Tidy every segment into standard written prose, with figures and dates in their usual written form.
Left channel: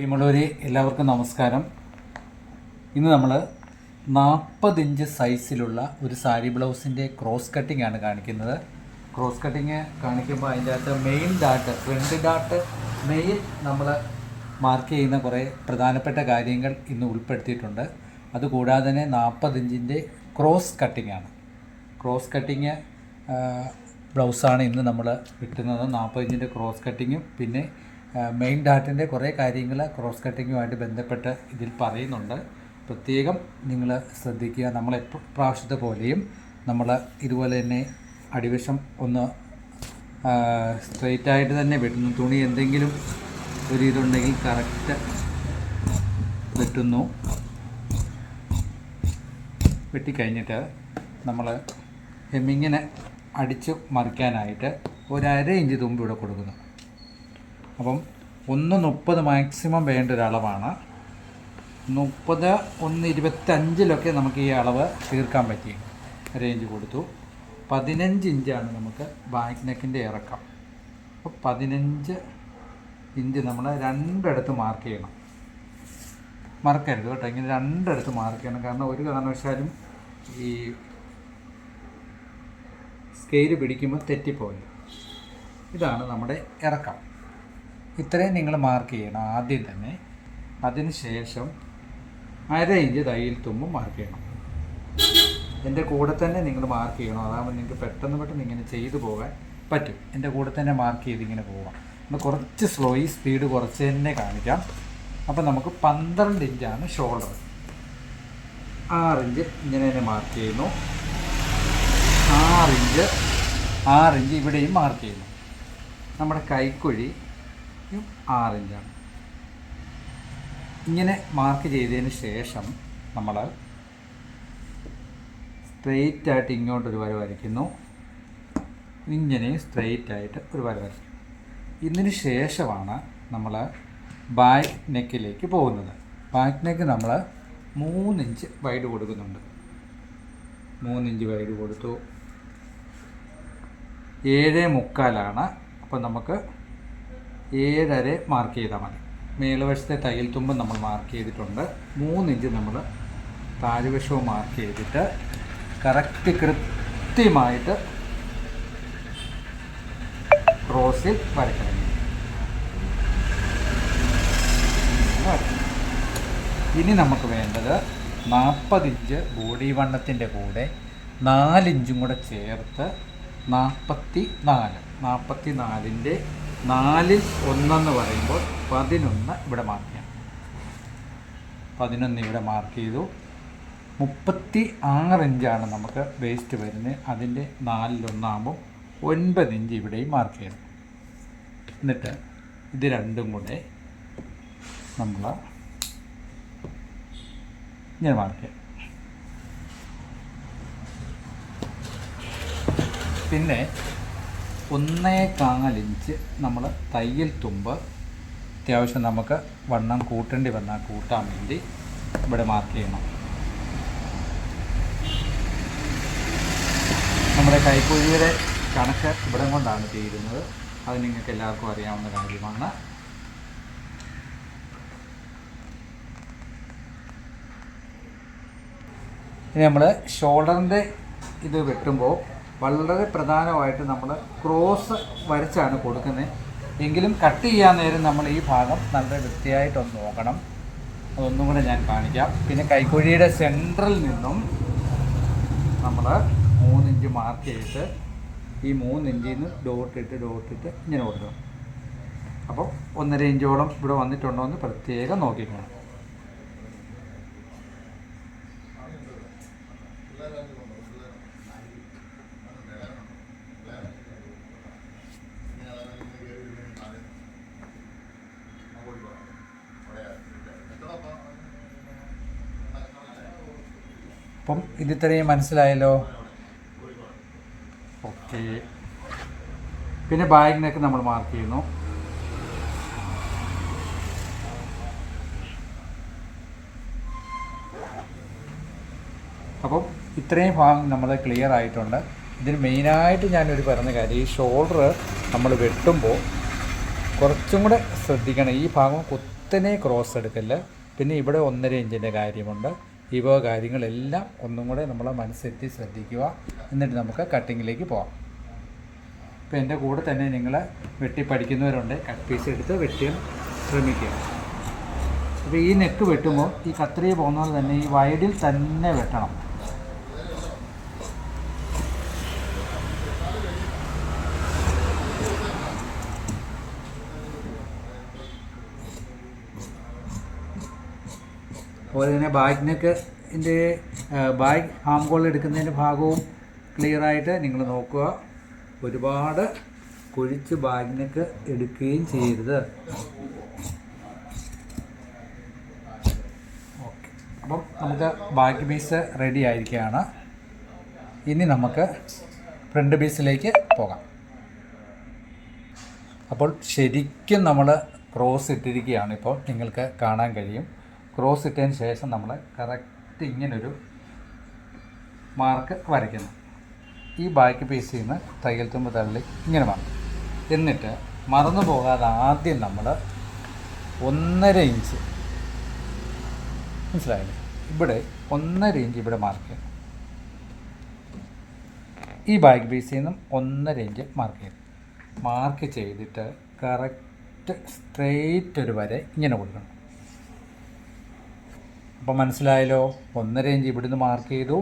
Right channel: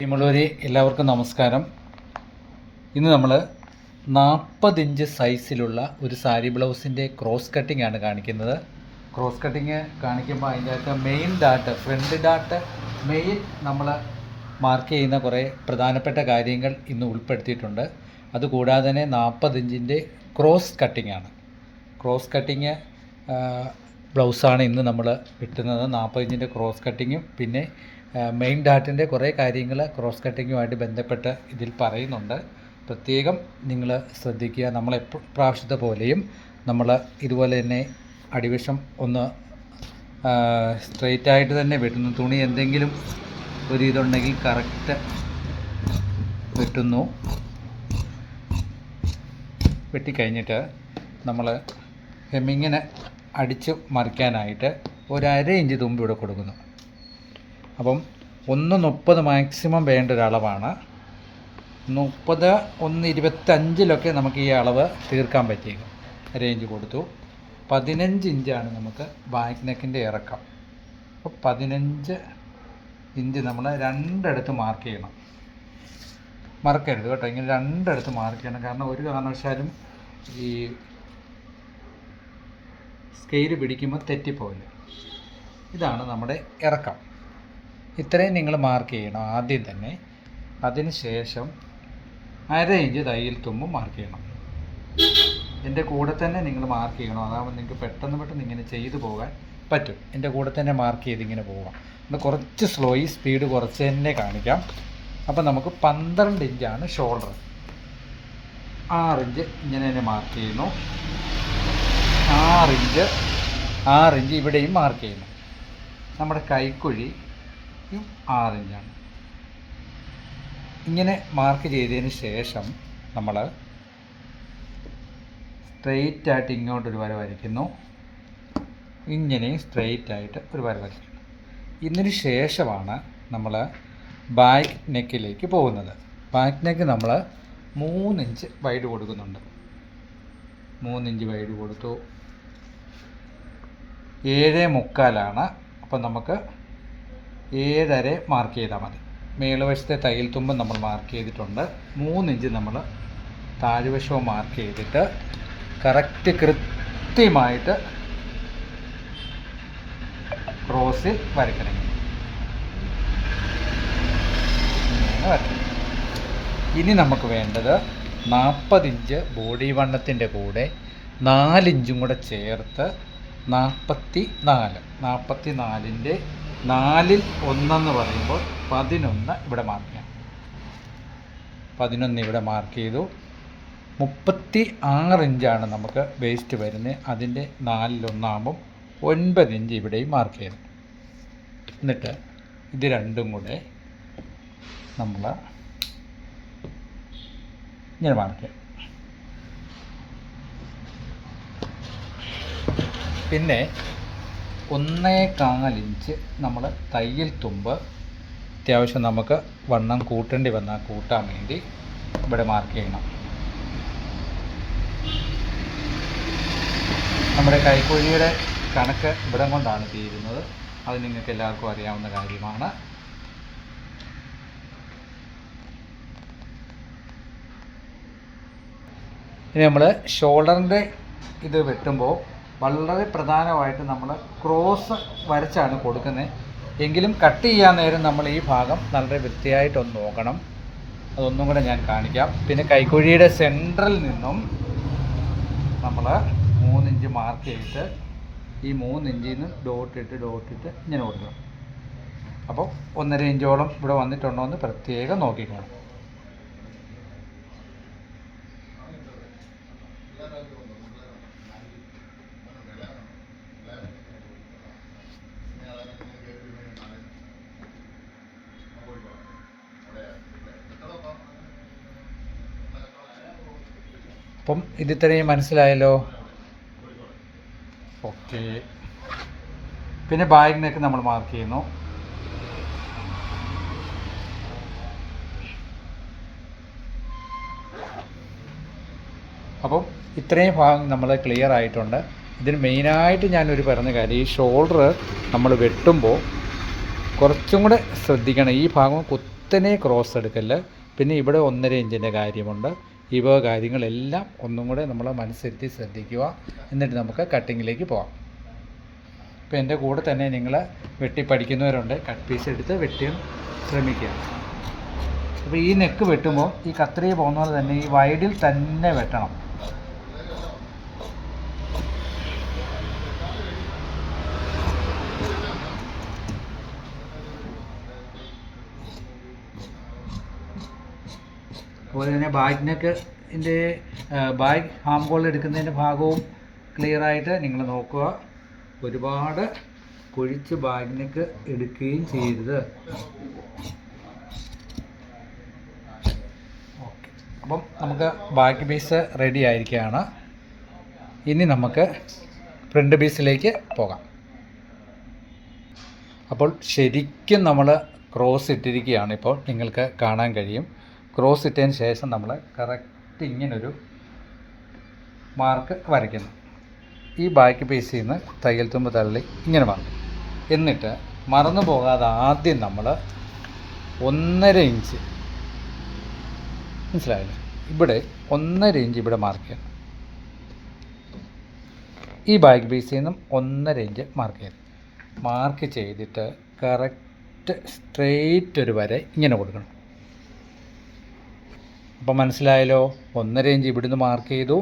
പ്രിയമുള്ളവരെ എല്ലാവർക്കും നമസ്കാരം. ഇന്ന് നമ്മൾ 40 ഇഞ്ച് സൈസിലുള്ള ഒരു സാരി ബ്ലൗസിൻ്റെ ക്രോസ് കട്ടിംഗ് ആണ് കാണിക്കുന്നത്. ക്രോസ് കട്ടിങ് കാണിക്കുമ്പോൾ അതിൻ്റെ അകത്ത് main dot, front dot main നമ്മൾ മാർക്ക് ചെയ്യുന്ന കുറേ പ്രധാനപ്പെട്ട കാര്യങ്ങൾ ഇന്ന് ഉൾപ്പെടുത്തിയിട്ടുണ്ട്. അതുകൂടാതെ തന്നെ 40 ഇഞ്ചിൻ്റെ ക്രോസ് കട്ടിംഗ് ആണ്. ക്രോസ് കട്ടിങ് ബ്ലൗസാണ് ഇന്ന് നമ്മൾ കിട്ടുന്നത്. 40 ഇഞ്ചിൻ്റെ ക്രോസ് കട്ടിങ്ങും പിന്നെ മെയിൻ ഡാട്ടിൻ്റെ കുറേ കാര്യങ്ങൾ ക്രോസ് കട്ടിങ്ങുമായിട്ട് ബന്ധപ്പെട്ട് ഇതിൽ പറയുന്നുണ്ട്. പ്രത്യേകം നിങ്ങൾ ശ്രദ്ധിക്കുക. നമ്മൾ പ്രാവശ്യത്തെ പോലെയും നമ്മൾ ഇതുപോലെ തന്നെ അടിവശം ഒന്ന് സ്ട്രെയിറ്റായിട്ട് തന്നെ വെട്ടുന്നു. തുണി എന്തെങ്കിലും ഒരു ഇതുണ്ടെങ്കിൽ കറക്റ്റ് വെട്ടുന്നു. വെട്ടിക്കഴിഞ്ഞിട്ട് നമ്മൾ ഹെമ്മിങ്ങിന് അടിച്ച് മറിക്കാനായിട്ട് ഒരു 1/2 ഇഞ്ച് തുമ്പ് ഇവിടെ കൊടുക്കുന്നു. അപ്പം 1:30 മാക്സിമം വേണ്ട ഒരളവാണ്. 30, 1:25 നമുക്ക് ഈ അളവ് തീർക്കാൻ പറ്റിയേക്കും. 1/2 ഇഞ്ച് കൊടുത്തു. 15 ഇഞ്ചാണ് നമുക്ക് ബാക്ക് നെക്കിൻ്റെ ഇറക്കം. അപ്പോൾ 15 ഇഞ്ച് നമ്മൾ രണ്ടിടത്ത് മാർക്ക് ചെയ്യണം. മറക്കരുത് കേട്ടോ, ഇങ്ങനെ രണ്ടിടത്ത് മാർക്ക് ചെയ്യണം. കാരണം ഒരു കാരണവശാലും ഈ സ്കെയിൽ പിടിക്കുമ്പോൾ തെറ്റിപ്പോയില്ല. ഇതാണ് നമ്മുടെ ഇറക്കം. ഇത്രയും നിങ്ങൾ മാർക്ക് ചെയ്യണം ആദ്യം തന്നെ. അതിന് ശേഷം 1/2 ഇഞ്ച് തയ്യൽ തുമ്പ് മാർക്ക് ചെയ്യണം. എൻ്റെ കൂടെ തന്നെ നിങ്ങൾ മാർക്ക് ചെയ്യണം. അതാകുമ്പോൾ നിങ്ങൾക്ക് പെട്ടെന്ന് ഇങ്ങനെ ചെയ്തു പോകാൻ പറ്റും. എൻ്റെ കൂടെ തന്നെ മാർക്ക് ചെയ്ത് ഇങ്ങനെ പോകാം. നമ്മൾ കുറച്ച് സ്പീഡ് കുറച്ച് തന്നെ കാണിക്കാം. അപ്പോൾ നമുക്ക് 12 ഇഞ്ചാണ് ഷോൾഡർ. 6 ഇഞ്ച് ഇങ്ങനെ തന്നെ മാർക്ക് ചെയ്യുന്നു. 6 ഇഞ്ച് ഇവിടെയും മാർക്ക് ചെയ്യുന്നു. നമ്മുടെ കൈക്കുഴി 6 ഇഞ്ചാണ്. ഇങ്ങനെ മാർക്ക് ചെയ്തതിന് ശേഷം നമ്മൾ സ്ട്രെയിറ്റായിട്ട് ഇങ്ങോട്ടൊരു വര വരയ്ക്കുന്നു. ഇങ്ങനെ സ്ട്രെയിറ്റായിട്ട് ഒരു വര വരയ്ക്കുന്നു. ഇതിന് ശേഷമാണ് നമ്മൾ ബാക്ക് നെക്കിലേക്ക് പോകുന്നത്. ബാക്ക് നെക്ക് നമ്മൾ 3 ഇഞ്ച് വൈഡ് കൊടുക്കുന്നുണ്ട്. 3 ഇഞ്ച് വൈഡ് കൊടുത്തു. 7.25 അപ്പോൾ നമുക്ക് 7.5 മാർക്ക് ചെയ്താൽ മതി. മേളുവശത്തെ തയ്യൽ തുമ്പ് നമ്മൾ മാർക്ക് ചെയ്തിട്ടുണ്ട്. 3 ഇഞ്ച് നമ്മൾ താഴ്വശവും മാർക്ക് ചെയ്തിട്ട് കൃത്യമായിട്ട് ക്രോസിൽ വരയ്ക്കണം. ഇനി നമുക്ക് വേണ്ടത് 40 ഇഞ്ച് ബോഡി വണ്ണത്തിൻ്റെ കൂടെ 4 ഇഞ്ചും കൂടെ ചേർത്ത് 44. 44ൻ്റെ 4ൽ 1 പറയുമ്പോൾ 11 ഇവിടെ മാർക്ക് ചെയ്യാം. 11 ഇവിടെ മാർക്ക് ചെയ്തു. 36 ഇഞ്ചാണ് നമുക്ക് വേസ്റ്റ് വരുന്നത്. അതിൻ്റെ 4ൽ 1 9 ഇഞ്ച് ഇവിടെയും മാർക്ക് ചെയ്തു. എന്നിട്ട് ഇത് രണ്ടും കൂടെ നമ്മൾ ഇങ്ങനെ മാർക്ക് ചെയ്യാം. പിന്നെ 1.25 ഇഞ്ച് നമ്മൾ തയ്യൽ തുമ്പ് അത്യാവശ്യം നമുക്ക് വണ്ണം കൂട്ടേണ്ടി വന്നാൽ കൂട്ടാൻ വേണ്ടി ഇവിടെ മാർക്ക് ചെയ്യണം. നമ്മുടെ കൈക്കുഴിയുടെ കണക്ക് ഇവിടെ കൊണ്ടാണ് തീരുന്നത്. അത് നിങ്ങൾക്ക് എല്ലാവർക്കും അറിയാവുന്ന കാര്യമാണ്. ഇനി നമ്മൾ ഷോൾഡറിൻ്റെ ഇത് വെട്ടുമ്പോൾ വളരെ പ്രധാനമായിട്ട് നമ്മൾ ക്രോസ് വരച്ചാണ് കൊടുക്കുന്നത്. എങ്കിലും കട്ട് ചെയ്യാൻ നേരം നമ്മൾ ഈ ഭാഗം നല്ല വൃത്തിയായിട്ടൊന്ന് നോക്കണം. അതൊന്നും കൂടെ ഞാൻ കാണിക്കാം. പിന്നെ കൈക്കുഴിയുടെ സെൻട്രൽ നിന്നും നമ്മൾ 3 ഇഞ്ച് മാർക്ക് ചെയ്തിട്ട് ഈ 3 ഇഞ്ചിൽ നിന്ന് ഡോട്ടിട്ട് ഇങ്ങനെ കൊടുക്കണം. അപ്പോൾ 1.5 ഇഞ്ചോളം ഇവിടെ വന്നിട്ടുണ്ടോ എന്ന് പ്രത്യേകം നോക്കിക്കണം. അപ്പം ഇതിത്രയും മനസ്സിലായല്ലോ. ഓക്കെ. പിന്നെ ബാഗിനൊക്കെ നമ്മൾ മാർക്ക് ചെയ്യുന്നു. അപ്പം ഇത്രയും ഭാഗം നമ്മൾ ക്ലിയർ ആയിട്ടുണ്ട്. ഇതിന് മെയിനായിട്ട് ഞാനൊരു പറഞ്ഞ കാര്യം, ഈ ഷോൾഡർ നമ്മൾ വെട്ടുമ്പോൾ കുറച്ചും കൂടെ ശ്രദ്ധിക്കണം. ഈ ഭാഗം കുത്തനെ ക്രോസ് എടുക്കല്, പിന്നെ ഇവിടെ 1.5 ഇഞ്ചിൻ്റെ കാര്യമുണ്ട്. ഇവ കാര്യങ്ങളെല്ലാം ഒന്നും കൂടെ നമ്മൾ മനസ്സിരുത്തി ശ്രദ്ധിക്കുക. എന്നിട്ട് നമുക്ക് കട്ടിങ്ങിലേക്ക് പോകാം. ഇപ്പോൾ എൻ്റെ കൂടെ തന്നെ നിങ്ങൾ വെട്ടി പഠിക്കുന്നവരുണ്ട്, കട്ട് പീസ് എടുത്ത് വെട്ടാൻ ശ്രമിക്കുക. അപ്പോൾ ഈ നെക്ക് വെട്ടുമ്പോൾ ഈ കത്രിക പോകുന്ന പോലെ തന്നെ ഈ വൈഡിൽ തന്നെ വെട്ടണം. അതുപോലെ തന്നെ ബാക്ക് നെക്കിൻ്റെ ബാക്ക് ആം ഹോൾ എടുക്കുന്നതിൻ്റെ ഭാഗവും ക്ലിയറായിട്ട് നിങ്ങൾ നോക്കുക. ഒരുപാട് കുഴിച്ച് ബാക്ക് നെക്ക് എടുക്കുകയും ചെയ്യരുത്. ഓക്കെ, അപ്പം നമുക്ക് ബാക്ക് പീസ് റെഡി ആയിരിക്കുകയാണ്. ഇനി നമുക്ക് ഫ്രണ്ട് പീസിലേക്ക് പോകാം. അപ്പോൾ ശരിക്കും നമ്മൾ ക്രോസ് ഇട്ടിരിക്കുകയാണ്. ഇപ്പോൾ നിങ്ങൾക്ക് കാണാൻ കഴിയും. ക്രോസ് ഇട്ടതിന് ശേഷം നമ്മൾ കറക്റ്റ് ഇങ്ങനൊരു മാർക്ക് വരയ്ക്കുന്നു. ഈ ബാക്ക് പീസിൽ നിന്ന് തയ്യൽ തുമ്പ് തള്ളി ഇങ്ങനെ മാറും. എന്നിട്ട് മറന്നു പോകാതെ ആദ്യം നമ്മൾ 1.5 ഇഞ്ച്, മനസ്സിലായല്ലോ, ഇവിടെ 1.5 ഇഞ്ച് ഇവിടെ മാർക്ക് ചെയ്യണം. ഈ ബാക്ക് പീസിൽ നിന്നും 1.5 ഇഞ്ച് മാർക്ക് ചെയ്യണം. മാർക്ക് ചെയ്തിട്ട് കറക്റ്റ് സ്ട്രെയിറ്റ് ഒരു വര ഇങ്ങനെ കൊടുക്കണം. അപ്പോൾ മനസ്സിലായല്ലോ, 1.5 ഇഞ്ച് ഇവിടുന്ന് മാർക്ക് ചെയ്തു,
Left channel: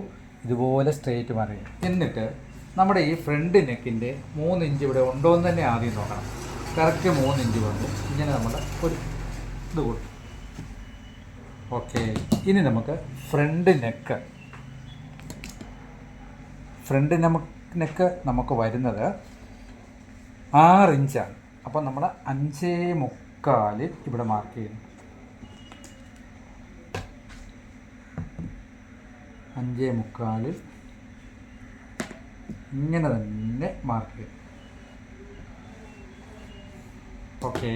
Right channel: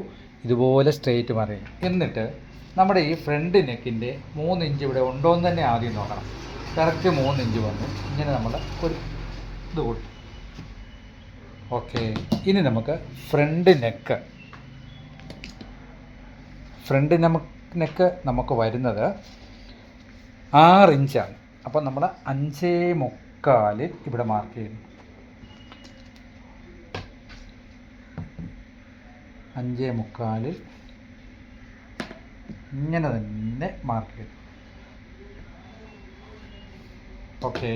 ഇതുപോലെ സ്ട്രെയിറ്റ് മാർക്ക്. എന്നിട്ട് നമ്മുടെ ഈ ഫ്രണ്ട് നെക്കിൻ്റെ 3 ഇഞ്ച് ഇവിടെ ഉണ്ടോ എന്ന് തന്നെ ആദ്യം നോക്കണം. കറക്റ്റ് 3 ഇഞ്ച് വന്ന് ഇങ്ങനെ നമ്മൾ ഒരു ഇത് കൊടുക്കും. ഓക്കെ, ഇനി നമുക്ക് ഫ്രണ്ട് നെക്ക് നമുക്ക് വരുന്നത് 6 ഇഞ്ചാണ്. അപ്പം നമ്മൾ 5.25 ഇവിടെ മാർക്ക് ചെയ്യുന്നു. 5.25 ഇങ്ങനെ തന്നെ മാർക്ക് ചെയ്യും. ഓക്കെ,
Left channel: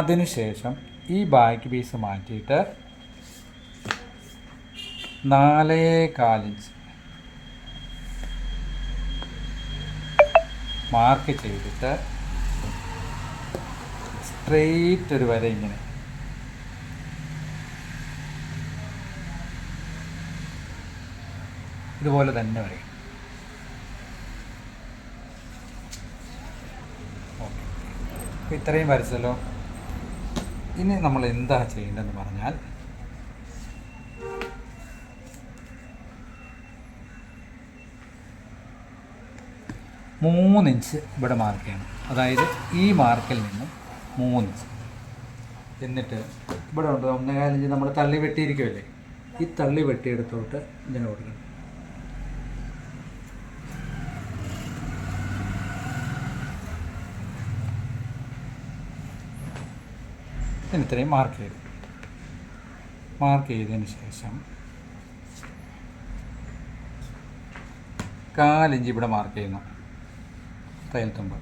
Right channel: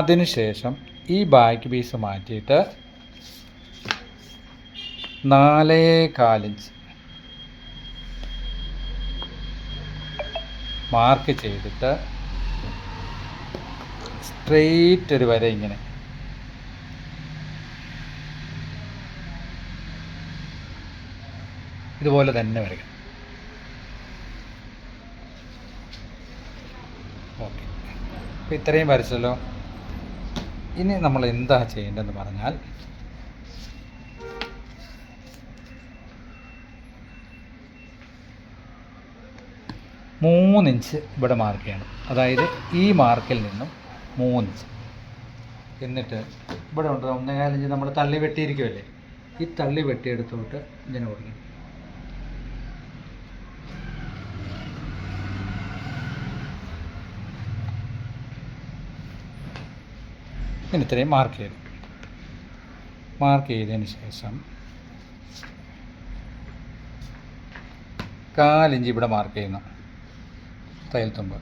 അതിനുശേഷം ഈ ബാക്ക് പീസ് മാറ്റിയിട്ട് 4.25 ഇഞ്ച് മാർക്ക് ചെയ്തിട്ട് സ്ട്രെയിറ്റ് ഒരു വര ഇങ്ങനെ ഇതുപോലെ തന്നെ വരയ്ക്കണം. ഓക്കെ, അപ്പോൾ ഇത്രയും വരച്ചല്ലോ. ഇനി നമ്മൾ എന്താ ചെയ്യേണ്ടതെന്ന് പറഞ്ഞാൽ, മൂന്ന് ഇഞ്ച് ഇവിടെ മാർക്ക് ചെയ്യണം. അതായത് ഈ മാർക്കിൽ നിന്നും 3 ഇഞ്ച്. എന്നിട്ട് ഇവിടെ ഉണ്ട് 1.25 ഇഞ്ച് നമ്മൾ തള്ളി വെട്ടിയിരിക്കുമല്ലേ, ഈ തള്ളി വെട്ടിയെടുത്തോട്ട് ഇങ്ങനെ കൊടുക്കണം. ഇനി ഇത്രയും മാർക്ക് ചെയ്തതിന് ശേഷം 4 ഇഞ്ച് ഇവിടെ മാർക്ക് ചെയ്യുന്നു. തയ്യൽ തുമ്പ്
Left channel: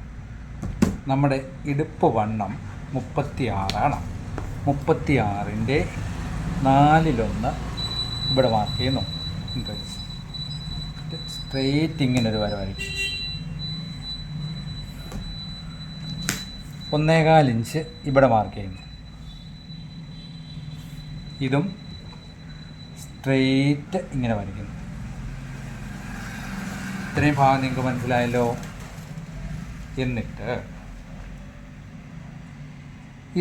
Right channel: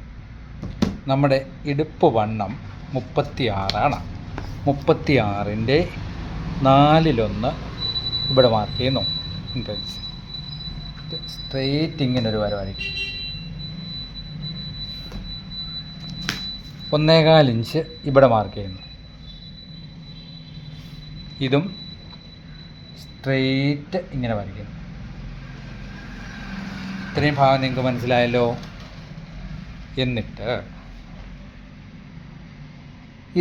നമ്മുടെ ഇടുപ്പ് വണ്ണം 36ആണ്. 36ൻ്റെ 4/1 ഇവിടെ മാർക്ക് ചെയ്യുന്നു. സ്ട്രെയിറ്റ് ഇങ്ങനൊരു വര വരയ്ക്കും. 1.25 ഇഞ്ച് ഇവിടെ മാർക്ക് ചെയ്യുന്നു. ഇതും സ്ട്രെയിറ്റ് ഇങ്ങനെ വരയ്ക്കുന്നു. ഇത്രയും ഭാഗം നിങ്ങൾക്ക് മനസ്സിലായല്ലോ. എന്നിട്ട്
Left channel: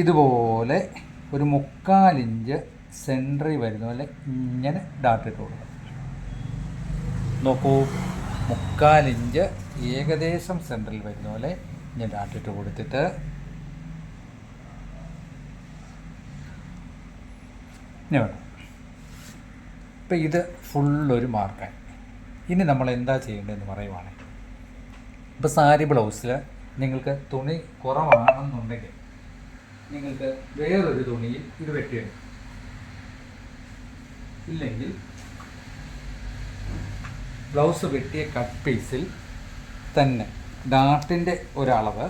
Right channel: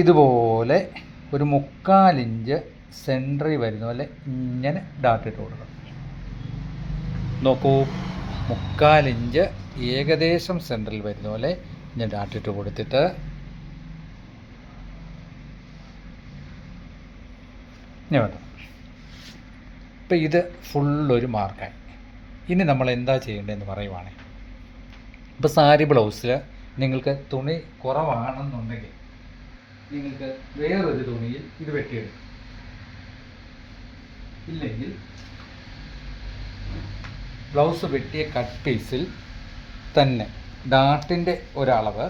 ഇതുപോലെ ഒരു 3/4 ഇഞ്ച് സെൻറ്ററിൽ വരുന്ന പോലെ ഇങ്ങനെ ഡാട്ടിട്ട് കൊടുക്കണം. നോക്കൂ, 3/4 ഇഞ്ച് ഏകദേശം സെൻറ്ററിൽ വരുന്ന പോലെ ഇങ്ങനെ ഡാട്ടിട്ട് കൊടുത്തിട്ട് ഇനി വേണം. ഇപ്പം ഇത് ഫുള്ളൊരു മാർക്കായി. ഇനി നമ്മൾ എന്താ ചെയ്യേണ്ടതെന്ന് പറയുവാണെങ്കിൽ, ഇപ്പോൾ സാരി ബ്ലൗസിൽ നിങ്ങൾക്ക് തുണി കുറവാണെന്നുണ്ടെങ്കിൽ നിങ്ങൾക്ക് വേറൊരു തുണിയിൽ ഇത് വെട്ടിയെടുക്കും. ഇല്ലെങ്കിൽ ബ്ലൗസ് വെട്ടിയ കട്ട് പീസിൽ തന്നെ ഡാട്ടിൻ്റെ ഒരളവ്,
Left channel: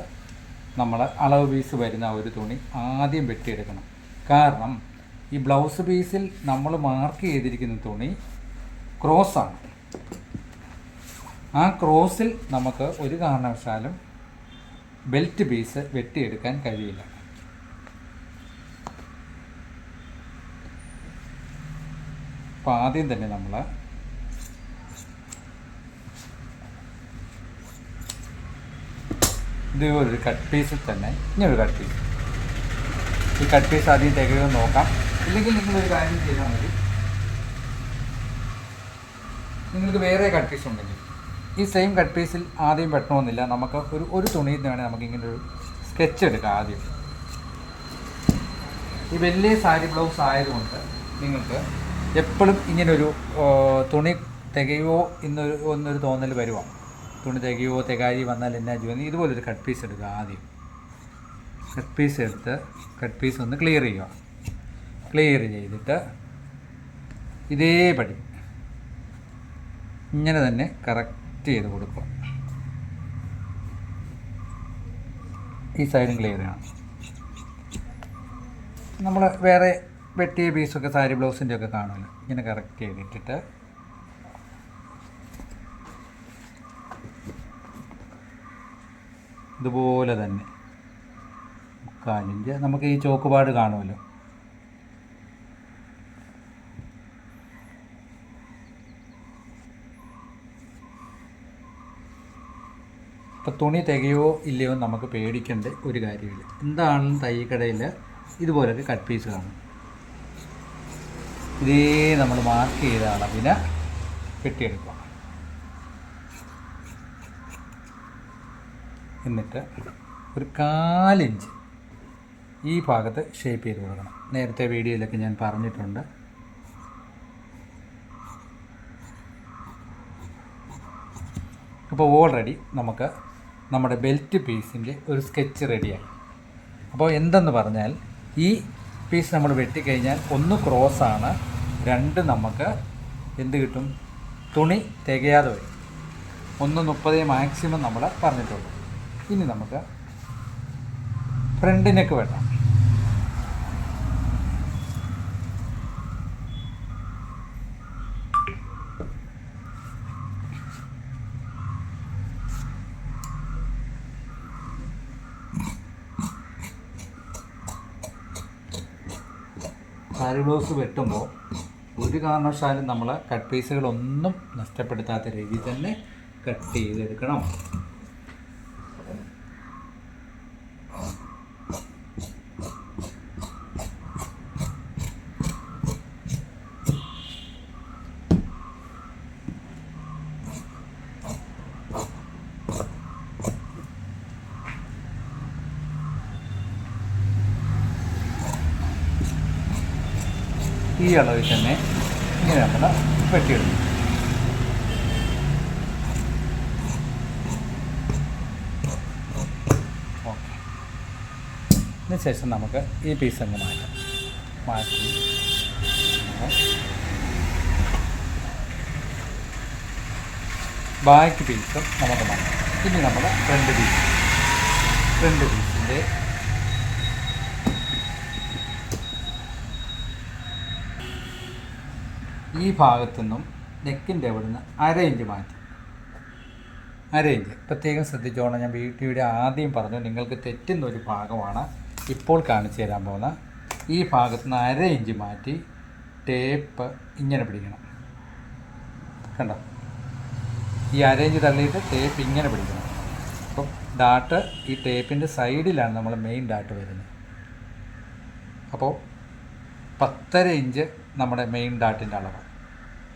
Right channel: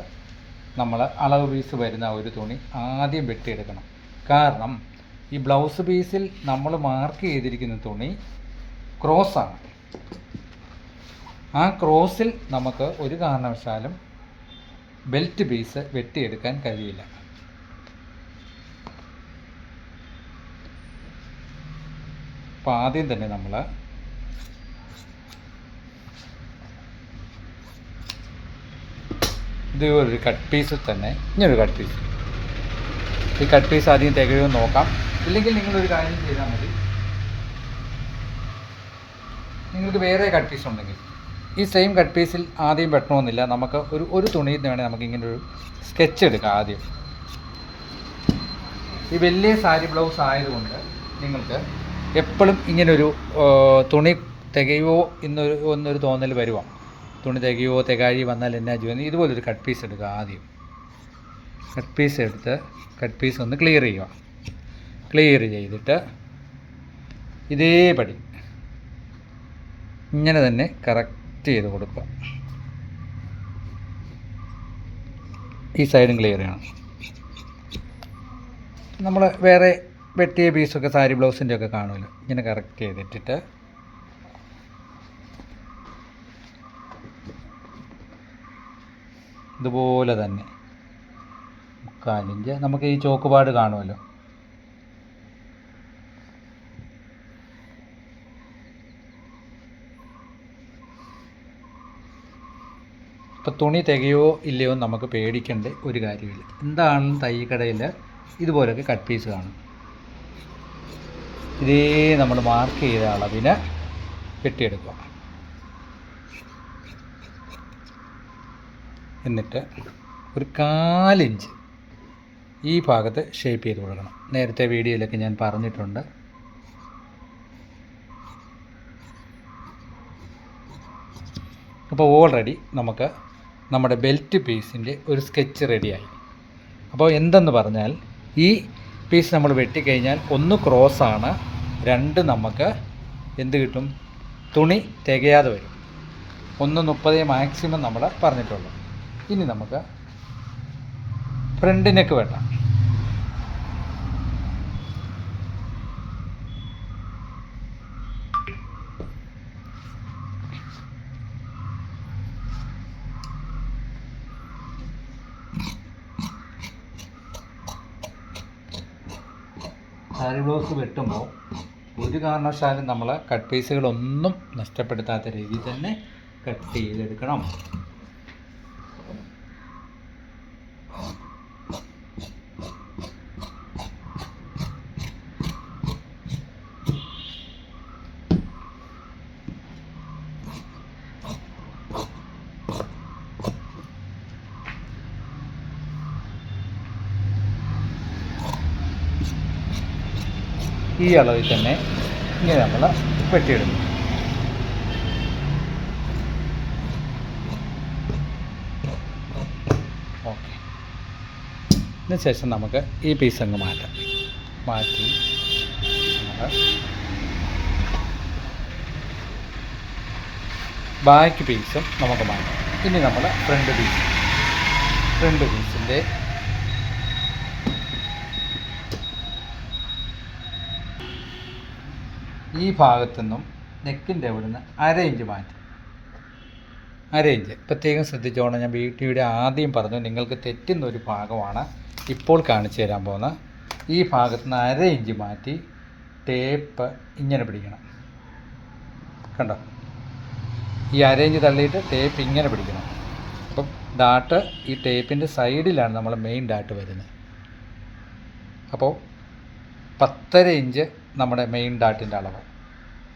നമ്മൾ അളവ് പീസ് വരുന്ന ഒരു തുണി ആദ്യം വെട്ടിയെടുക്കണം. കാരണം ഈ ബ്ലൗസ് പീസിൽ നമ്മൾ മാർക്ക് ചെയ്തിരിക്കുന്ന തുണി ക്രോസാണ്. ആ ക്രോസിൽ നമുക്ക് ഒരു കാരണവശാലും ബെൽറ്റ് പീസ് വെട്ടിയെടുക്കാൻ കഴിയില്ല. അപ്പോൾ ആദ്യം തന്നെ നമ്മൾ ഇതുപോലൊരു കട്ട് പീസിൽ തന്നെ ഇങ്ങനൊരു കട്ട് പീസ്, ഈ കട്ട് പീസ് ആദ്യം തികയും നോക്കാം. ഇല്ലെങ്കിൽ നിങ്ങളൊരു കാര്യം ചെയ്താൽ മതി, നിങ്ങൾക്ക് വേറെ കട്ട് പീസ് ഉണ്ടെങ്കിൽ ഈ സെയിം കട്ട് പീസിൽ ആദ്യം വെട്ടണമെന്നില്ല. നമുക്ക് ഒരു തുണിയിൽ നിന്ന് വേണേൽ നമുക്ക് ഇങ്ങനൊരു സ്കെച്ച് എടുക്കാം. ആദ്യം ഈ വലിയ സാരി ബ്ലൗസ് ആയതുകൊണ്ട് നിങ്ങൾക്ക് എപ്പോഴും ഇങ്ങനൊരു തുണി തികയോ ഒന്നൊരു തോന്നൽ വരുക, തുണി തികയോ തികാഴി വന്നാൽ എന്നാ ചെയ്യുന്നത്, ഇതുപോലൊരു കട്ട് പീസ് എടുക്കുക. ആദ്യം കട്ട് പീസ് എടുത്ത് കട്ട് പീസ് ഒന്ന് ക്ലിയർ ചെയ്യുക. ക്ലിയർ ചെയ്തിട്ട് ഇതേപടി ഇങ്ങനെ തന്നെ കറക്റ്റ് ചെയ്ത് കൊടുക്കുക. ഈ സൈഡും ക്ലിയർ ചെയ്യണം. നമ്മൾ വേറെ വെട്ടിയ പീസൊക്കെ സാരി ബ്ലൗസിൻ്റെ ഒക്കെ കാണുമല്ലോ, ഇങ്ങനെ കറക്റ്റ് ചെയ്തിട്ടിട്ട് ഇതുപോലെ തന്നെ 1/4 ഇഞ്ച് നമുക്ക് ഈ ചോക്കുപാട് കാണുമല്ലോ, ഇപ്പോൾ തുണി തികയോ ഇല്ലയോ നമുക്ക് പേടിക്കേണ്ട ഒരു കാര്യമില്ല. എന്താണ് തയ്യക്കടയിൽ ഇതുപോലൊക്കെ കട്ട് പീസ് കാണും. ഇതേ നമ്മൾ മാർക്ക് ചെയ്ത അളവിന് വെട്ടിയെടുക്കുക. എന്നിട്ട് ഒരു 1/4 ഇഞ്ച് ഈ ഭാഗത്ത് ഷേപ്പ് ചെയ്ത് കൊടുക്കണം. നേരത്തെ വീഡിയോയിലൊക്കെ ഞാൻ പറഞ്ഞിട്ടുണ്ട്. അപ്പോൾ ഓൾറെഡി നമുക്ക് നമ്മുടെ ബെൽറ്റ് പീസിൻ്റെ ഒരു സ്കെച്ച് റെഡിയായി. അപ്പോൾ എന്തെന്ന് പറഞ്ഞാൽ ഈ പീസ് നമ്മൾ വെട്ടിക്കഴിഞ്ഞാൽ 1 ക്രോസാണ്, 2 നമുക്ക് എന്ത് കിട്ടും, തുണി തികയാതെ വരും. 1:30 മാക്സിമം നമ്മൾ പറഞ്ഞിട്ടുള്ളൂ. ഇനി നമുക്ക് ഫ്രണ്ട് നെക്ക് വെട്ടാം. സാരി ബ്ലൗസ് വെട്ടുമ്പോൾ ഒരു കാരണവശാലും നമ്മൾ കട്ട് പീസുകളൊന്നും നഷ്ടപ്പെടുത്താത്ത രീതിയിൽ തന്നെ കട്ട് ചെയ്തെടുക്കണം. ഈ അളവിൽ തന്നെ ഇനി നമ്മൾ വെട്ടിയിടും. ഓക്കെ, ഇതിന് ശേഷം നമുക്ക് ഈ പീസ് അങ്ങ് മാറ്റി ബാക്ക് പീസും നമുക്ക് മാറ്റാം. ഇനി നമ്മൾ ഫ്രണ്ട് പീസിൻ്റെ ഈ ഭാഗത്തു നിന്നും നെക്കിൻ്റെ അവിടെ നിന്ന് 1/2 ഇഞ്ച് മാറ്റും. 1/2 ഇഞ്ച് പ്രത്യേകം ശ്രദ്ധിച്ചോണം. ഞാൻ വീഡിയോയുടെ ആദ്യം പറഞ്ഞു, നിങ്ങൾക്ക് തെറ്റുന്ന ഒരു ഭാഗമാണ് ഇപ്പോൾ കാണിച്ചു തരാൻ പോകുന്ന. ഈ ഭാഗത്തു നിന്ന് 1/2 ഇഞ്ച് മാറ്റി ടേപ്പ് ഇങ്ങനെ പിടിക്കണം. കണ്ടോ, ഈ 1/2 ഇഞ്ച് തള്ളിയിട്ട് ടേപ്പ് ഇങ്ങനെ പിടിക്കണം. അപ്പം ഡാട്ട് ഈ ടേപ്പിൻ്റെ സൈഡിലാണ് നമ്മൾ മെയിൻ ഡാട്ട് വരുന്നത്. അപ്പോൾ 10.5 ഇഞ്ച് നമ്മുടെ മെയിൻ ഡാട്ടിൻ്റെ അളവ്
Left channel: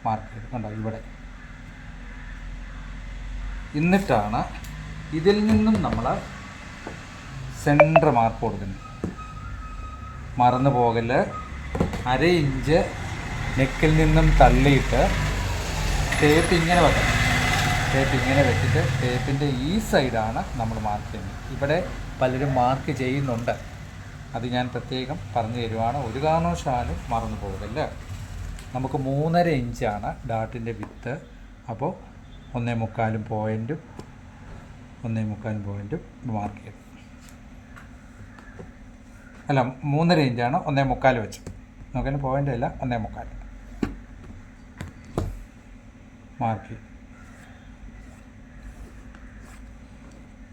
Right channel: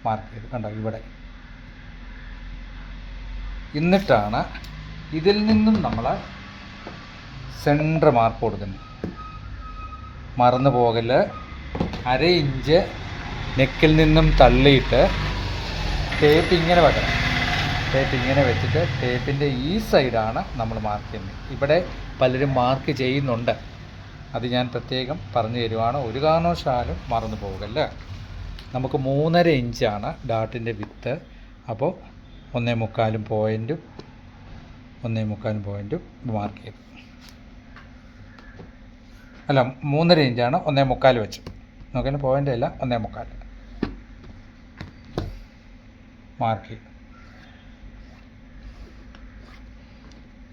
മാർക്ക് ചെയ്ത് കണ്ടോ ഇവിടെ. എന്നിട്ടാണ് ഇതിൽ നിന്നും നമ്മൾ സെൻറ്റർ മാർക്ക് കൊടുക്കുന്നത്. മറന്നു പോകല്, 1/2 ഇഞ്ച് നെക്കിൽ നിന്നും തള്ളിയിട്ട് ടേപ്പ് ഇങ്ങനെ വെക്കണം. ടേപ്പ് ഇങ്ങനെ വെച്ചിട്ട് ടേപ്പിൻ്റെ ഈ സൈഡാണ് നമ്മൾ മാർക്ക് ചെയ്യുന്നത്. ഇവിടെ പലരും മാർക്ക് ചെയ്യുന്നുണ്ട്, അത് ഞാൻ പ്രത്യേകം പറഞ്ഞു തരുവാണ്. ഒരു കാരണവശാലും മറന്നു പോകല്ലേ. നമുക്ക് 3.5 ഇഞ്ചാണ് ഡാട്ടിൻ്റെ വിത്ത്. അപ്പോൾ 1.25 പോയിൻറ്റും 1.25 പോയിൻറ്റും മാർക്ക് ചെയ്തു. അല്ല, 3.5 ഇഞ്ചാണ് 1.25 വെച്ച് നോക്കാൻ പോയിൻ്റ് അല്ല, 1.25 മാർക്ക് ചെയ്യും.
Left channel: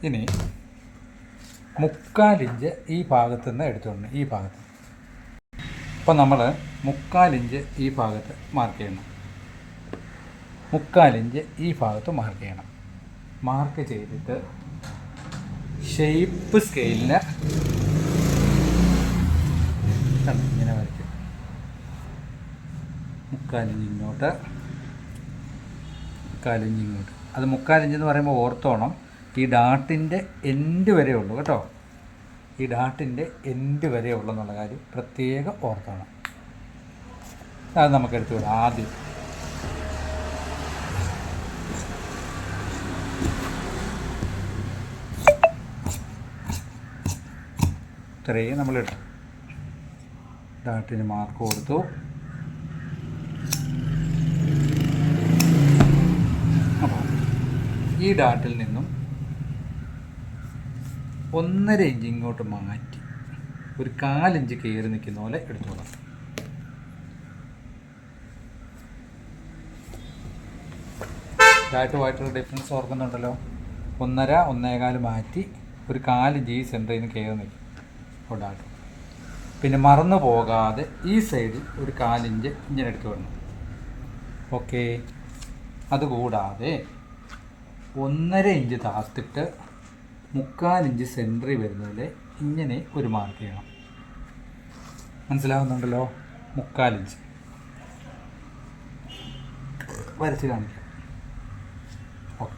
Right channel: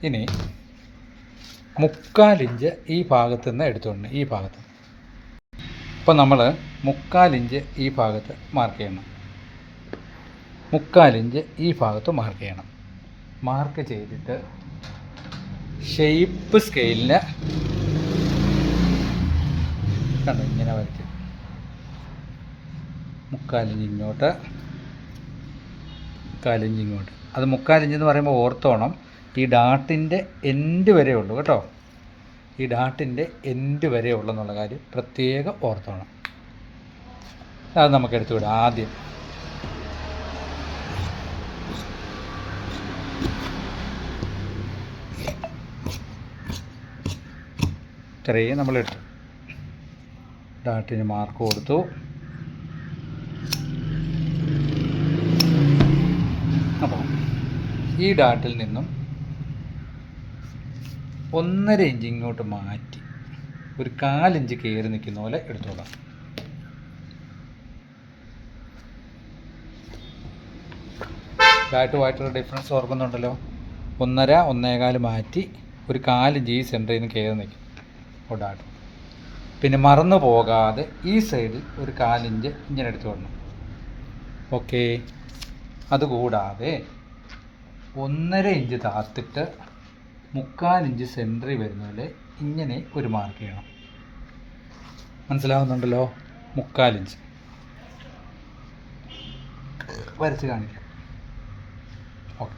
ഇനി 1/4 ഇഞ്ച് ഈ ഭാഗത്തു നിന്ന് എടുത്തുകൊണ്ട് ഈ ഭാഗത്ത് അപ്പോൾ നമ്മൾ 3/4 ഇഞ്ച് ഈ ഭാഗത്ത് മാർക്ക് ചെയ്യണം. 3/4 ഇഞ്ച് ഈ ഭാഗത്ത് മാർക്ക് ചെയ്യണം. മാർക്ക് ചെയ്തിട്ട് ഷേപ്പ് സ്കെയിലിൽ കണ്ടോ ഇങ്ങനെ വരയ്ക്കും. 3/4 ഇഞ്ച് ഇങ്ങോട്ട്, 3/4 ഇഞ്ച് ഇങ്ങോട്ട്. അത് 3/4 ഇഞ്ച് എന്ന് പറയുമ്പോൾ ഓർത്തോണം, ഈ ഡാട്ടിൻ്റെ എൻഡ് വരെ ഉള്ളൂ കേട്ടോ. ഈ ഡാട്ടിൻ്റെ എൻഡ് വരെ ഉള്ളെന്നുള്ള കാര്യം പ്രത്യേകം ഓർത്തോണം. അത് നമുക്ക് എടുത്തു വിടാം. ആദ്യം ഇത്രയും നമ്മളെടുത്തു. ഡാട്ടിന് മാർക്ക് കൊടുത്തു. അപ്പോൾ ഈ ഡാട്ടിൽ നിന്നും 1.5 ഇഞ്ച് ഇങ്ങോട്ട് മാറ്റി ഒരു 1/4 ഇഞ്ച് കയറി നിൽക്കുന്ന പോലെ എടുത്തോളാം. ഡാട്ടുമായിട്ടുള്ള ഡിഫറൻസ് ഓർക്കുന്നുണ്ടല്ലോ. 1.5 1.25 മാറ്റി ഒരു 1/4 ഇഞ്ച് ഈ സെൻറ്ററിൽ നിന്ന് കയറി നിൽക്കും ഡാട്ട്. പിന്നെ മറന്നു പോകാതെ ഈ സൈഡിൽ ഒരു 1/4 ഇഞ്ച് ഇങ്ങനെ എടുത്തു വിടണം. ഓക്കെ. അതുകൂടാതെ 1.5 ഇഞ്ച് താത്തിട്ട് 3/4 ഇഞ്ച് സെൻറ്ററിൽ വരുന്നതിൽ ഇങ്ങനെ ഒരു മാർക്ക് ചെയ്യണം. മനസ്സിലാവുന്നുണ്ടല്ലോ? 3/4 ഇഞ്ച് വരച്ച് കാണിക്കാം. ഓക്കെ,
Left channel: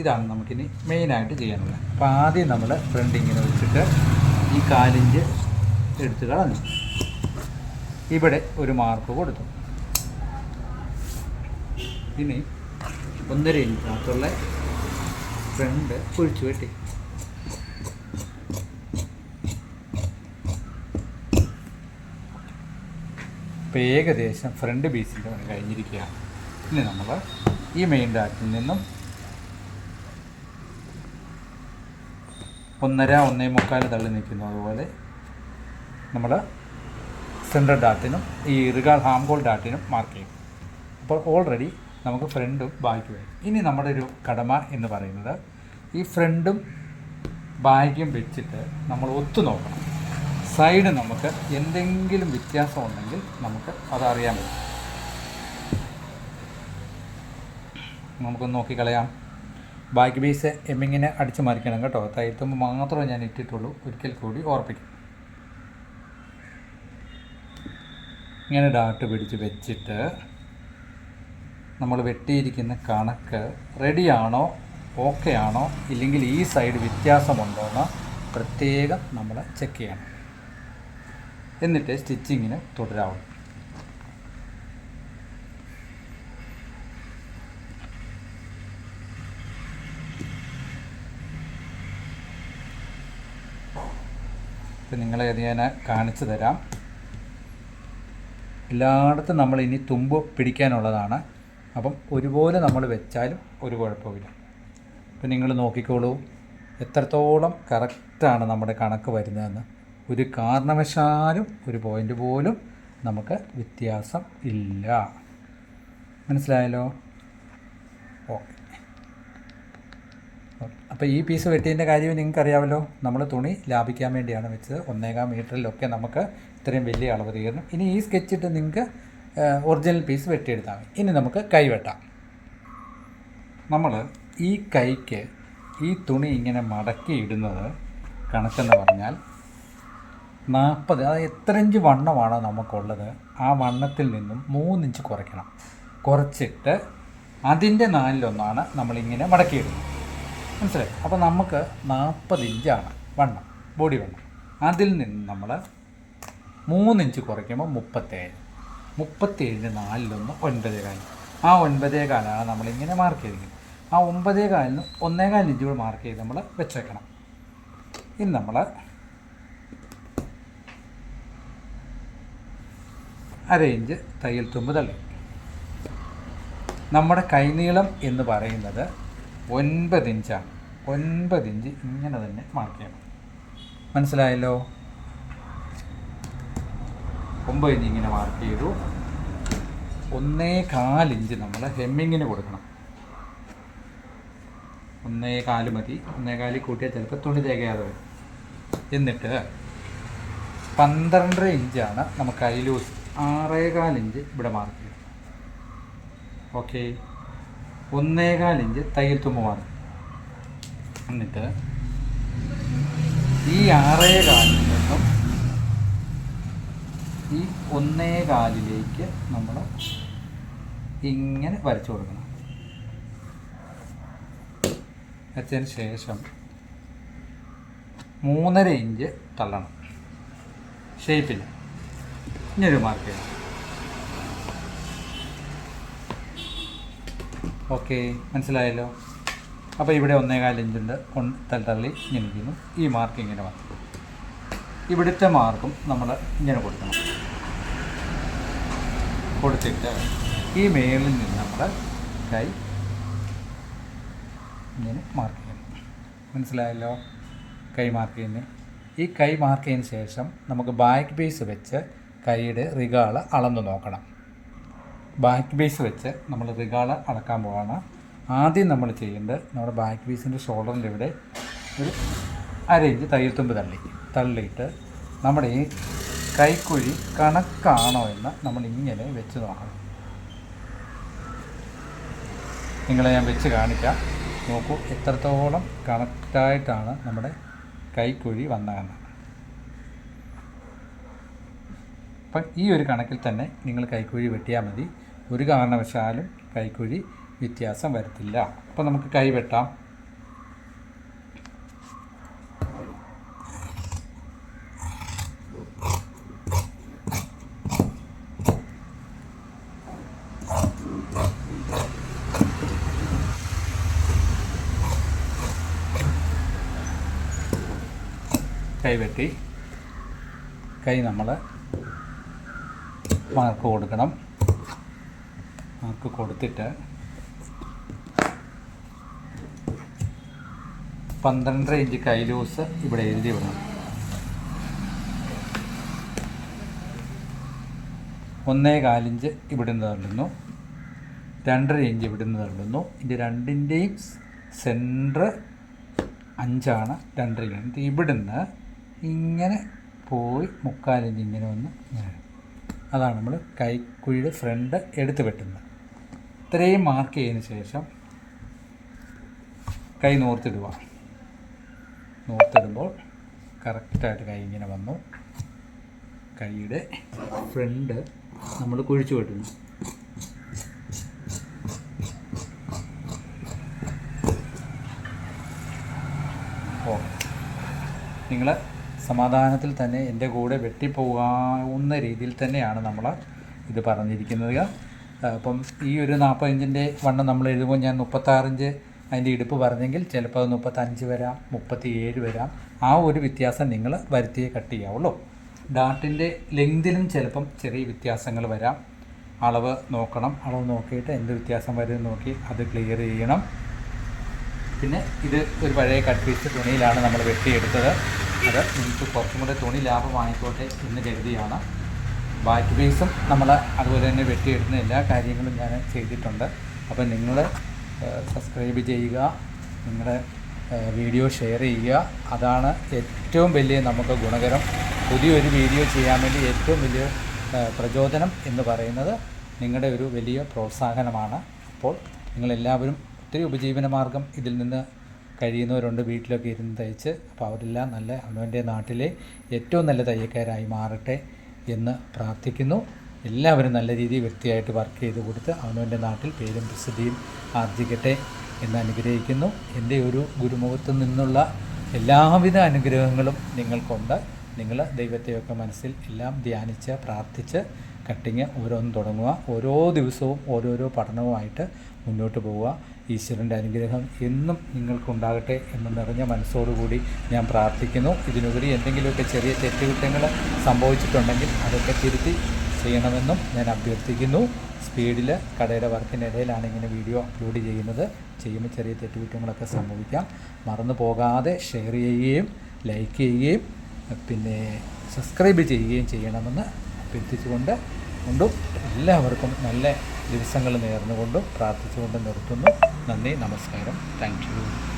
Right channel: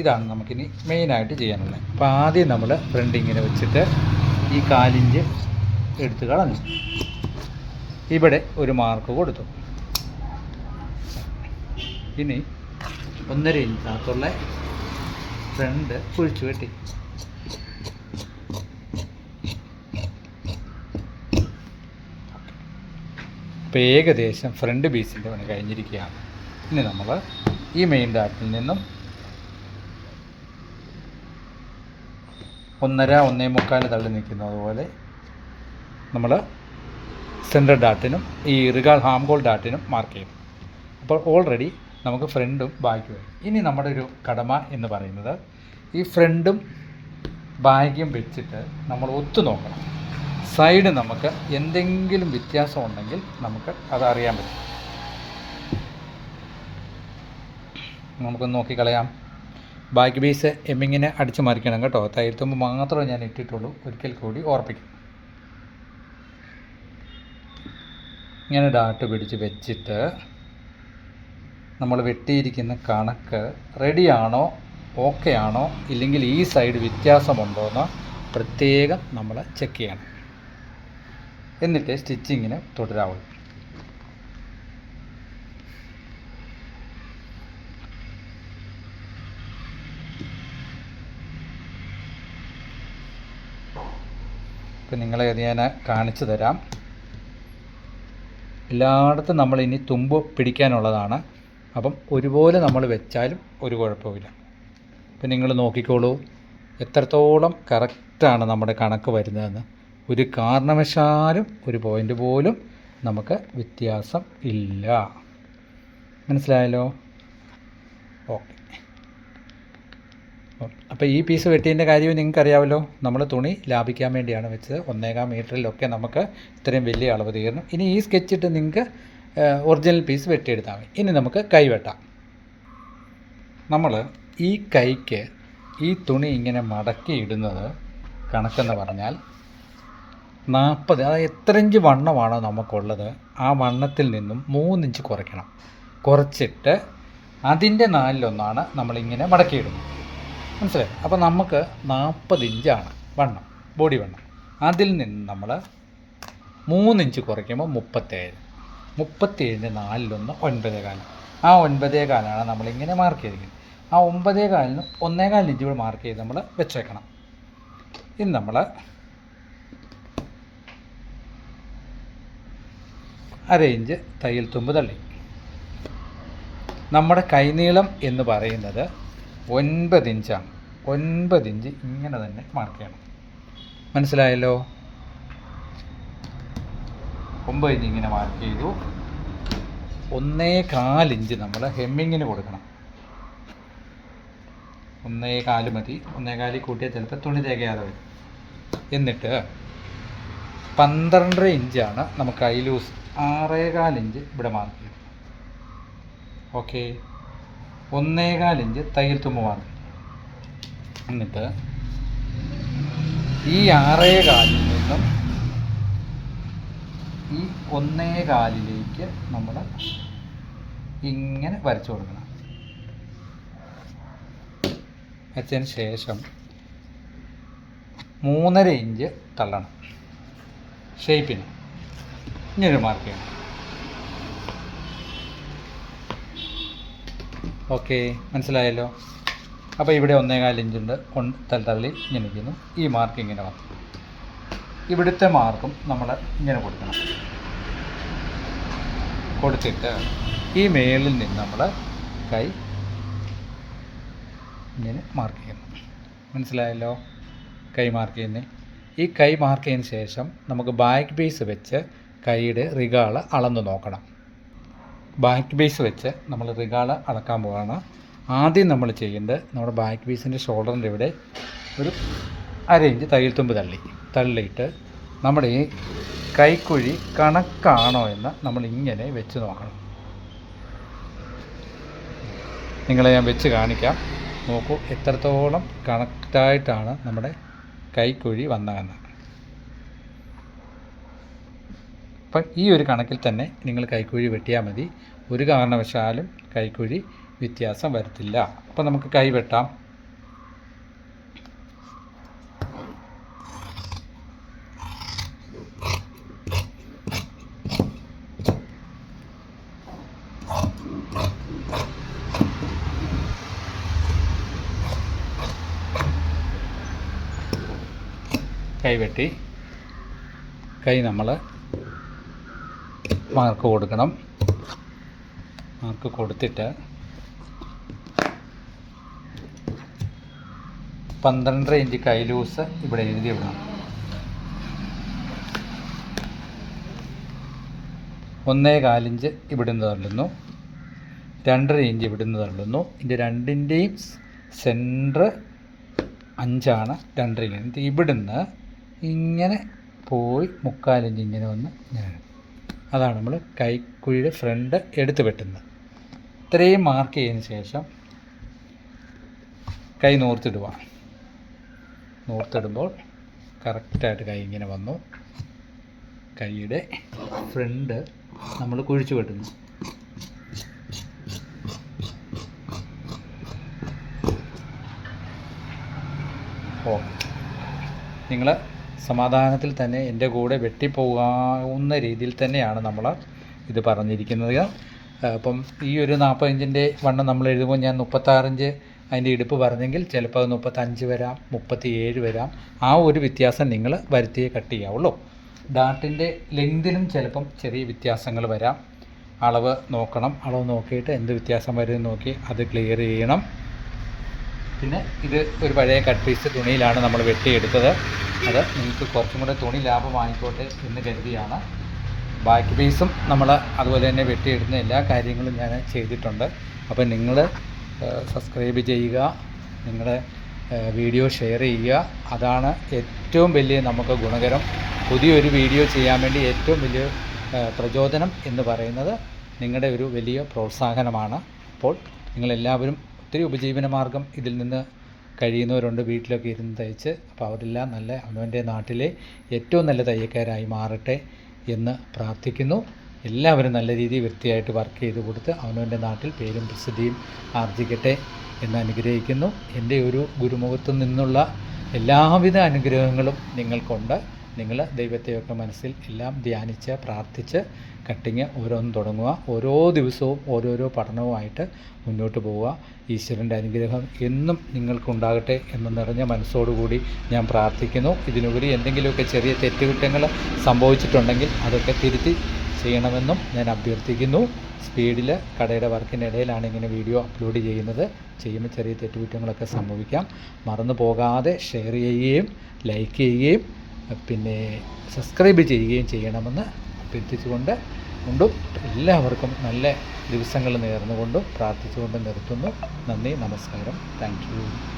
ഇതാണ് നമുക്കിനി മെയിനായിട്ട് ചെയ്യാനുള്ളത്. അപ്പോൾ ആദ്യം നമ്മൾ ഫ്രണ്ട് ഇങ്ങനെ വെച്ചിട്ട് ഈ 1/4 ഇഞ്ച് എടുത്ത് കളഞ്ഞു. ഇവിടെ ഒരു മാർക്ക് കൊടുത്തു. ഇനി 1.5 ഇഞ്ചിനകത്തുള്ള ഫ്രണ്ട് കുഴിച്ചു കെട്ടി. ഇപ്പോൾ ഏകദേശം ഫ്രണ്ട് പീസിൻ്റെ പണി കഴിഞ്ഞിരിക്കുകയാണ്. ഇനി നമ്മൾ ഈ മെയിൻ ഡാറ്റിൽ നിന്നും 1.5 1.25 തള്ളി നിൽക്കുന്നത് പോലെ നമ്മൾ സെൻട്രൽ ഡാട്ടിനും ഈ റിഗാൾ ഹാംഗോൾ ഡാട്ടിനും മാർക്ക് ചെയ്യും. അപ്പോൾ ഓൾറെഡി നമുക്ക് ഫ്രണ്ടും ബാക്കും വരും. ഇനി നമ്മുടെ ഒരു കടമ എന്ന് പറയുന്നത് ഈ ഫ്രണ്ടും ബാക്കും വെച്ചിട്ട് നമ്മൾ ഒത്തു നോക്കണം. സൈഡ് നമുക്ക് എന്തെങ്കിലും വ്യത്യാസം ഉണ്ടെങ്കിൽ നമുക്ക് അതറിയാൻ പറ്റും. നമുക്കൊന്ന് നോക്കിക്കളയാം. ബാക്ക് ബേസ് എമ്മിങ്ങിനെ അടിച്ചു മറിക്കണം കേട്ടോ. തയ്യൽത്തുമ്പോൾ മാത്രമേ ഞാൻ ഇട്ടിട്ടുള്ളൂ. ഒരിക്കൽ കൂടി ഓർപ്പിക്കും. ഇങ്ങനെ ഡാട്ട് പിടിച്ച് വെച്ചിട്ട് നമ്മൾ വെട്ടിയിരിക്കുന്ന കണക്ക് റെഡിയാണോ, ഓക്കെ ആണോ, ഇല്ലെങ്കിൽ ഈ സൈഡ് വ്യത്യാസമുണ്ടോ എന്ന് പ്രത്യേകം നമ്മൾ ചെക്ക് ചെയ്യണം. എന്നിട്ട് സ്റ്റിച്ചിങ്ങിന് തുടരാവും. ഇപ്പം നിങ്ങളെ ഞാൻ കാണിച്ചു തരാം. എല്ലായിടത്തും നമ്മൾ ഇനി തുമ്പ് പിടിക്കാനുള്ളതാണ്. അപ്പം ഒരുപോലെ നമ്മൾ വെച്ചാലും ഒരു കുഴപ്പമില്ല. ഇപ്പം നിങ്ങൾ നോക്കിക്കോളൂ എത്രത്തോളം കറക്റ്റാണ് നമ്മുടെ കണക്ക് വരുന്നതെന്ന്. ഒരു കാരണവശാലും ഒരു പോയിൻ്റ് പോലും നമുക്ക് വ്യത്യാസം ഇല്ല. മനസ്സിലായല്ലോ? ഓക്കെ. അപ്പോൾ ഈ പീസ് വെട്ടിയതിൻ്റെ കാര്യവും നിങ്ങൾക്കറിയാമല്ലോ. നമ്മൾ തുണി ലാഭിക്കാൻ വേണ്ടിയാണ് വെച്ചത്. 1.25 മീറ്ററിലൊക്കെ നമുക്ക് ഇത്രയും വലിയ അളവ് തീരണം. ഇനി ഈ സ്കെച്ചിട്ട് നിങ്ങൾക്ക് ഒറിജിനൽ പീസ് വെട്ടിയെടുത്താൽ മതി. ഇനി നമുക്ക് കൈ വെട്ടാം. നമ്മൾ ഈ കൈക്ക് ഈ തുണി ഇങ്ങനെ മടക്കി ഇടുന്നത് കണക്കെന്ന് പറഞ്ഞാൽ 40, അതായത് എത്ര ഇഞ്ച് വണ്ണമാണോ നമുക്കുള്ളത് ആ വണ്ണത്തിൽ നിന്നും 3 ഇഞ്ച് കുറയ്ക്കണം. കുറച്ചിട്ട് അതിൻ്റെ 4/1 നമ്മളിങ്ങനെ മടക്കിയിടുന്നത്. മനസ്സിലായി? അപ്പോൾ നമുക്ക് 40 ഇഞ്ചാണ് വണ്ണം, ബോഡി വണ്ണം. അതിൽ നിന്ന് നമ്മൾ 3 ഇഞ്ച് കുറയ്ക്കുമ്പോൾ 37. 37ൻ്റെ 4/1 9.25. ആ 9.25 നമ്മളിങ്ങനെ മാർക്ക് ചെയ്തിരിക്കുന്നത്. ആ 9.25-ന് 1.25 ഇഞ്ച് കൂടെ മാർക്ക് ചെയ്ത് നമ്മൾ വെച്ചേക്കണം. ഇനി നമ്മൾ അര ഇഞ്ച് തയ്യൽ തുമ്പ് തള്ളി. നമ്മുടെ കൈനീളം എന്ന് പറയുന്നത് 9 ഇഞ്ചാണ്. 9 ഇഞ്ച് ഇങ്ങനെ തന്നെ മാർക്ക് ചെയ്യണം. മനസ്സിലായല്ലോ? 9 ഇഞ്ച് ഇങ്ങനെ മാർക്ക് ചെയ്തു. 1.25 ഇഞ്ച് നമ്മൾ ഹെമ്മിങ്ങിന് കൊടുക്കണം. 1.25 മതി. 1.25 കൂട്ടിയാൽ ചിലപ്പോൾ തുണി തികയാതെ വരും. എന്നിട്ട് 12.5 ഇഞ്ചാണ് നമുക്ക് കൈ ലൂസ്. 6.25 ഇഞ്ച് ഇവിടെ മാർക്ക് ചെയ്യും. ഓക്കെ, 1.25 ഇഞ്ച് തയ്യൽ തുമ്പ് മാർക്ക്. എന്നിട്ട് ഈ 6.25 നിന്നും ഈ 1.25 നമ്മൾ ഇങ്ങനെ വരച്ചു കൊടുക്കണം. വച്ചതിന് ശേഷം 3.5 ഇഞ്ച് തള്ളണം ഷേപ്പിന്. ഇങ്ങനൊരു മാർക്ക് ചെയ്യണം. ഓക്കെ, മനസ്സിലായല്ലോ. അപ്പോൾ ഇവിടെ 1.25 ഇഞ്ചുണ്ട്, തള്ളി ഇങ്ങനെ ഇരിക്കുന്നു. ഈ മാർക്ക് ഇങ്ങനെ വന്നു. ഇവിടുത്തെ മാർക്കും നമ്മൾ ഇങ്ങനെ കൊടുക്കണം. കൊടുത്തിട്ട് ഈ മേളിൽ നിന്ന് നമ്മൾ കൈ ഇങ്ങനെ മാർക്ക് ചെയ്യണം. മനസ്സിലായല്ലോ കൈ മാർക്ക് ചെയ്യുന്നത്. ഈ കൈ മാർക്ക് ചെയ്തതിന് ശേഷം നമുക്ക് ബാക്ക് ബേസ് വെച്ച് കൈയുടെ റിഗാള് അളന്ന് നോക്കണം. ബാക്ക് ബേസ് വെച്ച് നമ്മൾ റിഗാള് അളക്കാൻ പോവുകയാണ്. ആദ്യം നമ്മൾ ചെയ്യേണ്ടത് നമ്മുടെ ബാക്ക് ബേസിൻ്റെ ഷോൾഡറിൻ്റെ ഇവിടെ ഒരു 1/2 ഇഞ്ച് തയ്യൽ തുമ്പ് തള്ളിയിട്ട് നമ്മുടെ ഈ കൈക്കുഴി കണക്കാണോ എന്ന് നമ്മൾ ഇങ്ങനെ വെച്ച് നോക്കണം. നിങ്ങളെ ഞാൻ വെച്ച് കാണിക്കാം. നോക്കൂ എത്രത്തോളം കണക്റ്റായിട്ടാണ് നമ്മുടെ കൈക്കുഴി വന്നതെന്ന്. അപ്പം ഈ ഒരു കണക്കിൽ തന്നെ നിങ്ങൾ കൈക്കുഴി വെട്ടിയാൽ മതി. ഒരു കാരണവശാലും കൈക്കുഴി വ്യത്യാസം വരത്തില്ല. അപ്പം നമുക്ക് കൈ വെട്ടാം. കൈ വെട്ടി. കൈ നമ്മൾ മാർക്ക് കൊടുക്കണം. മാർക്ക് കൊടുത്തിട്ട് 12.5 ഇഞ്ച് കൈ ലൂസ് ഇവിടെ എഴുതി വിടണം. 1.25 ഇഞ്ച് ഇവിടുന്ന് തള്ളുന്നു. 2.5 ഇഞ്ച് ഇവിടുന്ന് തള്ളുന്നു. ഇതിൻ്റെ രണ്ടിൻ്റെയും സെൻറ്റർ 5 2.5 ഇഞ്ച്. ഇവിടുന്ന് ഇങ്ങനെ പോയി 3/4 ഇഞ്ച് ഇങ്ങനെ വന്ന് ഇങ്ങനെ. അതാണ് നമ്മൾ കൈക്കുഴിയുടെ ഫ്രണ്ട് എടുത്ത് വെട്ടുന്നത്. ഇത്രയും മാർക്ക് ചെയ്തതിന് ശേഷം കൈ നൂർത്തിടുക. നൂർത്തിടുമ്പോൾ കറക്റ്റായിട്ട് കൈ ഇങ്ങനെ വന്നു. കൈയുടെ ഫ്രണ്ട് നമ്മൾ കുഴിച്ചു വെട്ടുന്നു. നിങ്ങൾ സമാധാനത്തിൽ തന്നെ എൻ്റെ കൂടെ വെട്ടിപ്പോകാവുന്ന രീതിയിൽ തന്നെയാണ് നമ്മൾ ഇത് പറഞ്ഞിരിക്കുന്നത്. അപ്പം ഈ ഒരു 40 ഇഞ്ചിൻ്റെ വണ്ണം നമ്മൾ എഴുതുമ്പോൾ ഞാൻ 36 ഇഞ്ച് അതിൻ്റെ ഇടുപ്പ് പറഞ്ഞെങ്കിൽ ചിലപ്പോൾ അത് 35 വരാം, 37 വരാം. ആ ഒരു വ്യത്യാസം നിങ്ങൾ വരുത്തിയേ കട്ട് ചെയ്യാവുള്ളൂ. ഡാർട്ടിൻ്റെ ലെങ്തിലും ചിലപ്പം ചെറിയ വ്യത്യാസങ്ങൾ വരാം. അളവ് നോക്കണം. അളവ് നോക്കിയിട്ട് എന്ത് വ്യത്യാസം വരും നോക്കി അത് ക്ലിയർ ചെയ്യണം. പിന്നെ ഇത് ഒരു പഴയ കട്ട് പീസ് തുണിയിലാണ് നമ്മൾ വെട്ടിയെടുത്തത്. അത് നിങ്ങൾക്ക് കുറച്ചും കൂടെ തുണി ലാഭമായിക്കോട്ടെ എന്ന് കരുതിയാണ്. ബാക്ക് പീസും നമ്മൾ അതുപോലെ തന്നെ വെട്ടിയെടുക്കുന്ന എല്ലാ കാര്യങ്ങളും ഞാൻ ചെയ്തിട്ടുണ്ട്. അപ്പോൾ നിങ്ങൾ സബ്സ്ക്രൈബ് ചെയ്യുക, നിങ്ങളുടെ വീഡിയോ ഷെയർ ചെയ്യുക. അതാണ് ഏറ്റവും വലിയ നമുക്ക് ഗുണകരം. പുതിയൊരു വീഡിയോ ചെയ്യാൻ വേണ്ടി ഏറ്റവും വലിയ പ്രചോദനം എന്ന് പറയുന്നത് നിങ്ങളുടെ ഒരു വലിയ പ്രോത്സാഹനമാണ്. അപ്പോൾ നിങ്ങളെല്ലാവരും ഒത്തിരി ഉപജീവന മാർഗം ഇതിൽ നിന്ന് കഴിയുന്നവരുണ്ട്, വീട്ടിലൊക്കെ ഇരുന്ന് തയ്ച്ച്. അപ്പോൾ അവരെല്ലാം നല്ല അവനവൻ്റെ നാട്ടിലെ ഏറ്റവും നല്ല തയ്യക്കാരായി മാറട്ടെ എന്ന് പ്രാർത്ഥിക്കുന്നു. എല്ലാവരും നല്ല രീതിയിൽ വൃത്തിയായിട്ട് വർക്ക് ചെയ്ത് കൊടുത്ത് അവനവൻ്റെ നാട്ടിൽ പേരും പ്രസിദ്ധിയും ആർജിക്കട്ടെ എന്ന് അനുഗ്രഹിക്കുന്നു. എൻ്റെ ഒരു ഗുരുമുഖത്തു നിന്നുള്ള എല്ലാവിധ അനുഗ്രഹങ്ങളും നിങ്ങൾക്കുണ്ട്. നിങ്ങൾ ദൈവത്തെയൊക്കെ മനസ്സിൽ എല്ലാം ധ്യാനിച്ച് പ്രാർത്ഥിച്ച് കട്ടിങ് ഓരോന്നും തുടങ്ങുക. ഓരോ ദിവസവും ഓരോരോ പഠനവുമായിട്ട് മുന്നോട്ട് പോവുക. ഈശ്വരൻ്റെ അനുഗ്രഹം എന്നും നിങ്ങൾക്കുണ്ടാകട്ടെ എന്ന് നിറഞ്ഞ മനസ്സോടുകൂടി ഞാൻ പ്രാർത്ഥിക്കുന്നു. ഇതിനുപരി എന്തെങ്കിലുമൊക്കെ ചെറിയ തെറ്റുകുറ്റങ്ങൾ സംഭവിച്ചിട്ടുണ്ടെങ്കിൽ അതൊക്കെ തിരുത്തി ചെയ്യണമെന്നും ഞാൻ അഭ്യർത്ഥിക്കുന്നു. സ്പീഡിൽ കടയുടെ വർക്കിനിടയിലാണ് ഇങ്ങനെ വീഡിയോ അപ്ലോഡ് ചെയ്യുമ്പോൾ ചെറിയ തെറ്റുകുറ്റങ്ങളൊക്കെ സംഭവിക്കാം. മറന്നു പോകാതെ ഷെയർ ചെയ്യുകയും ലൈക്ക് ചെയ്യുകയും പിന്നെ സബ്സ്ക്രൈബ് ചെയ്യുകയും ചെയ്യണമെന്ന് അഭ്യർത്ഥിച്ചുകൊണ്ട് എല്ലാവർക്കും നല്ല ദിവസങ്ങൾ നേർന്നുകൊണ്ടും പ്രാർത്ഥിച്ചുകൊണ്ടും നിർത്തുന്നു. നന്ദി, നമസ്കാരം, താങ്ക് യു.